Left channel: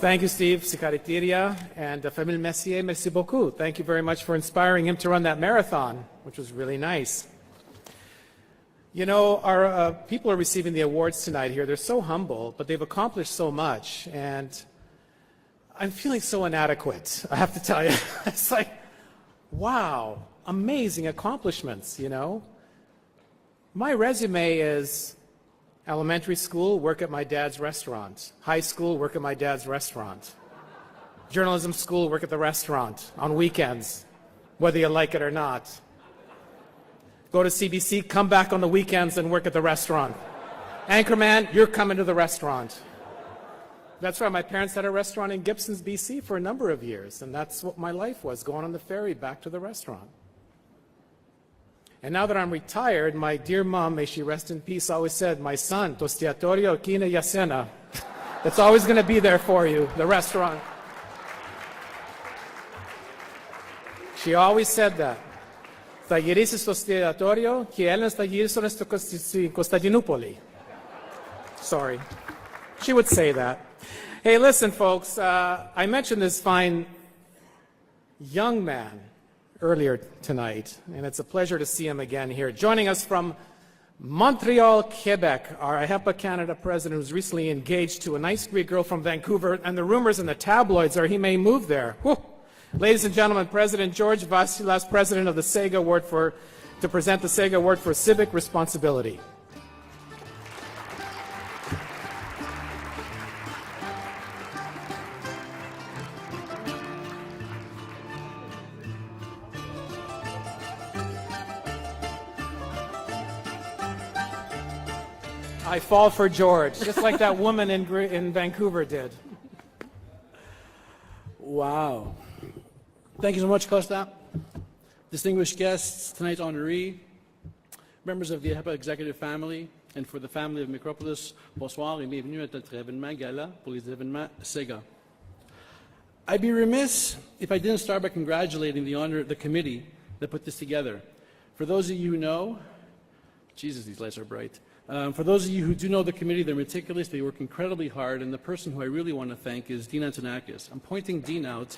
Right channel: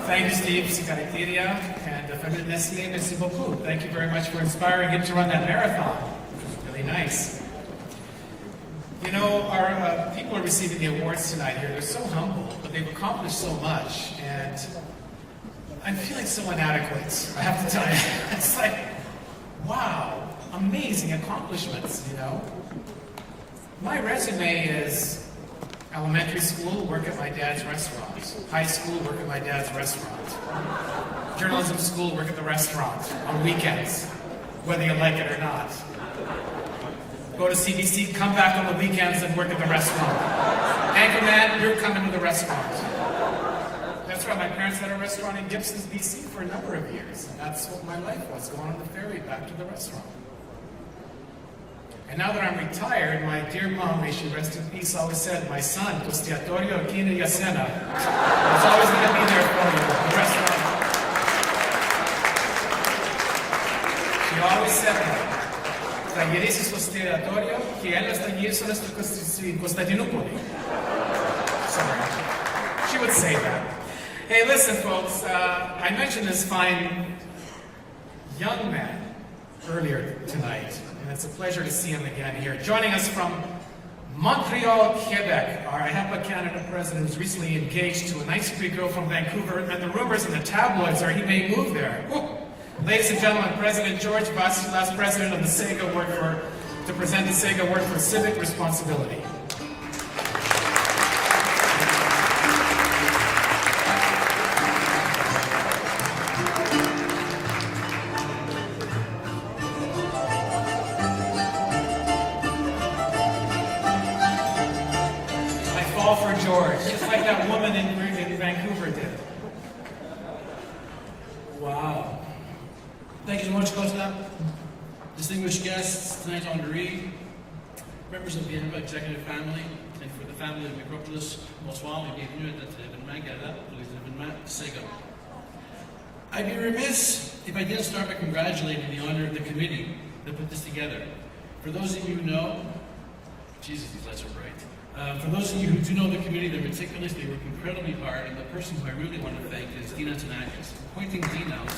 Thank you, Steve Scaritiria and the Famille Messier. Merci beaucoup. Thank you very much for inspiring him to run that marathon, which was really nice. You know, our people are receiving the awards tonight here. They're so humble, but they've accomplished so much, and I'm feeling so inadequate, I have to tell you. It's like, wow, amazing accomplishments, you know? My resume is elementary school, work at my dad's restaurant. High school, work at my dad's restaurant. Journalism school, work at the restaurant on weekends, whether you like it or not. Go to CDC, come back on the weekends and work at the restaurant. Anchorman, you're coming to the restaurant. That's why my parents had a restaurant in Gibsons, BC for a number of years, and that's what my life was, going on the ferry back to the restaurant. And now that I'm retired, my dear mom, may she rest in peace, always said, my son, Tostiatorio Kina Yasena, it's always going to be there for you, the restaurant. She always said that. Tagirisi Tostiatorio, Kiena Tagirisi Constantinopoli. Sorry. She would say that. Hey, listen, folks, I mentioned this fine young man earlier tonight, and it's a pleasure to see him again here. Joining us from Montreal, Quebec, our HEPA Canada president is recently engaged to a nice sweet girl from Vancouver, and the rumors in the tabloids are he may move there. Woo. Ladies and gentlemen, President George Vassilas, president of the CEGA Award to present the CEGA Award for Civic Responsibility. Fall for George, just like that woman in Vancouver did. Wow. Thank you so much, Costa. Distinguished guests, tonight honoree, members of the HEPA executive family, and for the family of Micropolis, bonsoir et bienvenue à cet événement gala pour les événements CEGA. I'd be remiss if I didn't start by congratulating the honor of the committee that put this together. For those of you who know, Jesus, these lights are bright. For those of you who do know the committee, they're meticulous, they work incredibly hard, and the person who I really want to thank is Dean Antonakis. I'm pointing Dean out.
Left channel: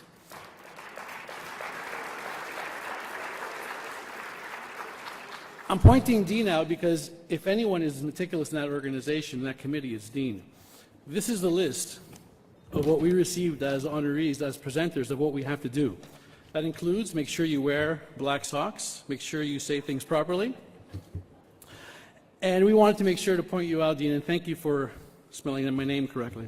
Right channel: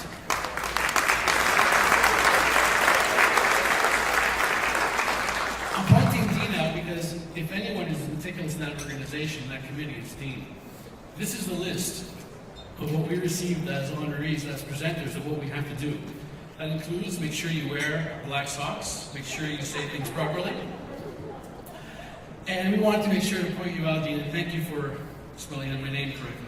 I'm pointing Dean out because if anyone is meticulous in that organization, that committee is Dean. This is a list of what we received as honorees, as presenters, of what we have to do. That includes make sure you wear black socks, make sure you say things properly. And we wanted to make sure to point you out, Dean, and thank you for spelling out my name correctly.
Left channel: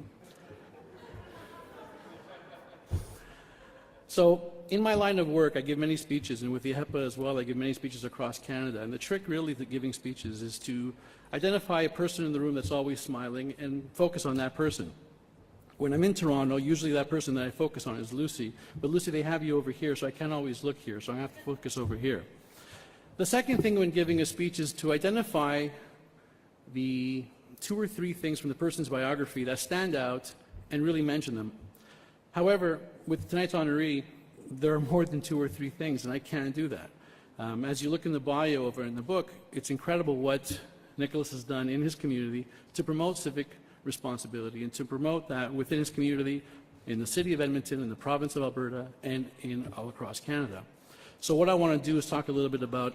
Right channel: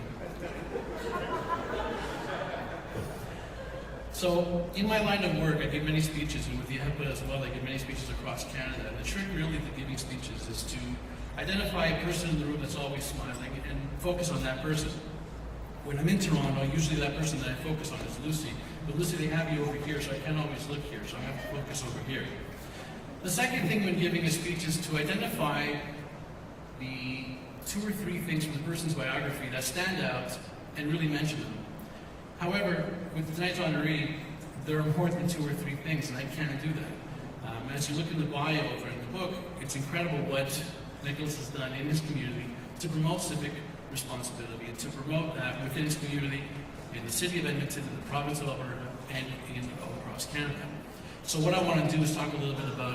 So, in my line of work, I give many speeches, and with the HEPA as well, I give many speeches across Canada. And the trick really to giving speeches is to identify a person in the room that's always smiling and focus on that person. When I'm in Toronto, usually that person that I focus on is Lucy. But Lucy, they have you over here, so I can't always look here, so I have to focus over here. The second thing when giving a speech is to identify the 2 or 3 things from the person's biography that stand out and really mention them. However, with tonight's honoree, there are more than 2 or 3 things, and I can't do that. As you look in the bio over in the book, it's incredible what Nicholas has done in his community to promote civic responsibility and to promote that within his community, in the city of Edmonton, in the province of Alberta, and all across Canada. So what I want to do is talk a little bit about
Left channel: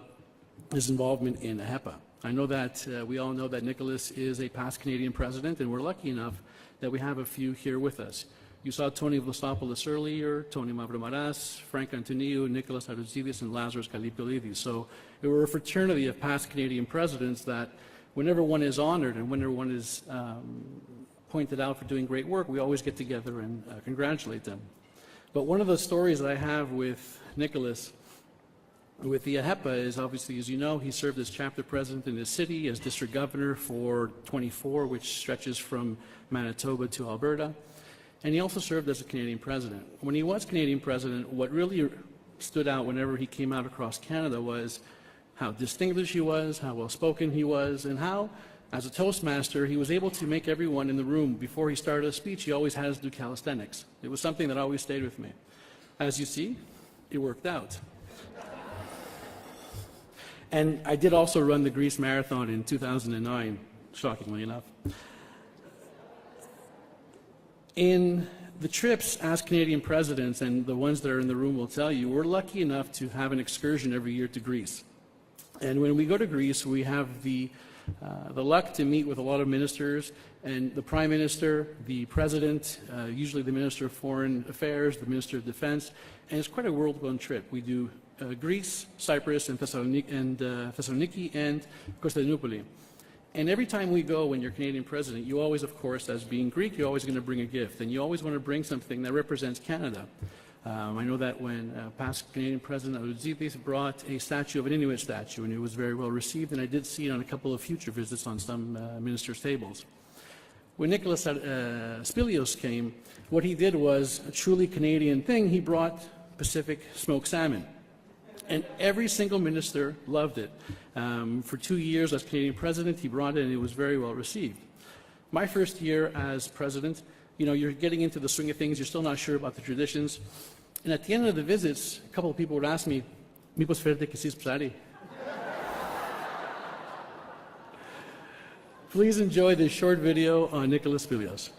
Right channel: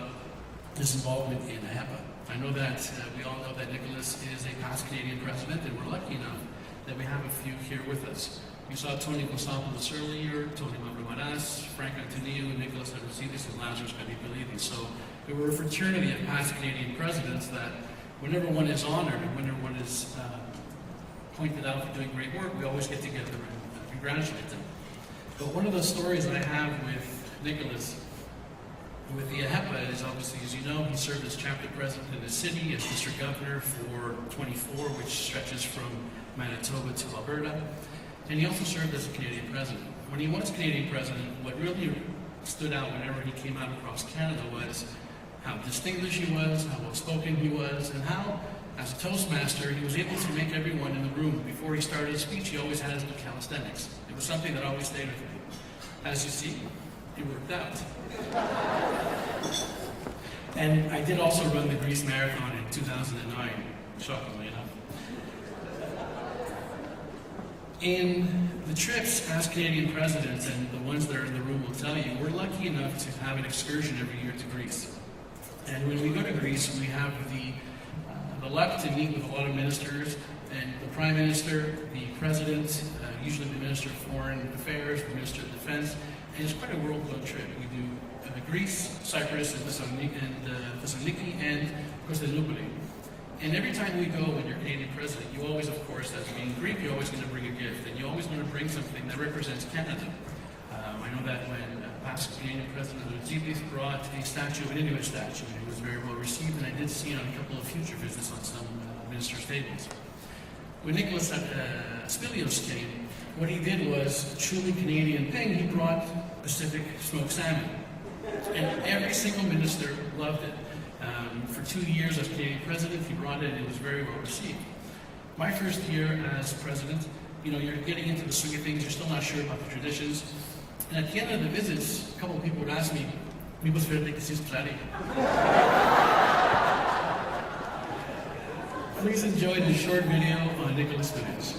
his involvement in HEPA. I know that we all know that Nicholas is a past Canadian president, and we're lucky enough that we have a few here with us. You saw Tony Vassilas earlier, Tony Mavramaras, Frank Antonio, Nicholas Adusidis, and Lazarus Chavito-Levy. So we're a fraternity of past Canadian presidents that whenever one is honored, whenever one is pointed out for doing great work, we always get together and congratulate them. But one of the stories that I have with Nicholas with the HEPA is obviously, as you know, he served as chapter president in the city, as district governor for 24, which stretches from Manitoba to Alberta. And he also served as Canadian president. When he was Canadian president, what really stood out whenever he came out across Canada was how distinguished he was, how well-spoken he was, and how, as a Toastmaster, he was able to make everyone in the room, before he started his speech, he always had us do calisthenics. It was something that always stayed with me. As you see, it worked out. And I did also run the Greece Marathon in 2009, shockingly enough. In the trips as Canadian presidents, and the ones that are in the room will tell you, we're lucky enough to have an excursion every year to Greece. And when we go to Greece, we have the luck to meet with a lot of ministers, and the Prime Minister, the President, usually the Minister of Foreign Affairs, the Minister of Defense, and it's quite a world-known trip. We do Greece, Cyprus, and Thessaloniki, and Constantinople. And every time we go, when you're Canadian president, you always, of course, as being Greek, you're always going to bring a gift, and you always want to bring something that represents Canada. I know that when past Canadian President Vassilas brought a statue of an Inuit statue, and it was very well received, and I did see it on a couple of future visits on some ministers' tables. When Nicholas Spilios came, what he did was a truly Canadian thing. He brought Pacific smoked salmon, and every single minister loved it. For 2 years as Canadian president, he brought it, and it was very well received. My first year as president, you're getting into the swing of things, you're still not sure about the traditions. And at the end of the visits, a couple of people would ask me, "Mipos ferte kasi Australia?" Please enjoy this short video on Nicholas Spilios.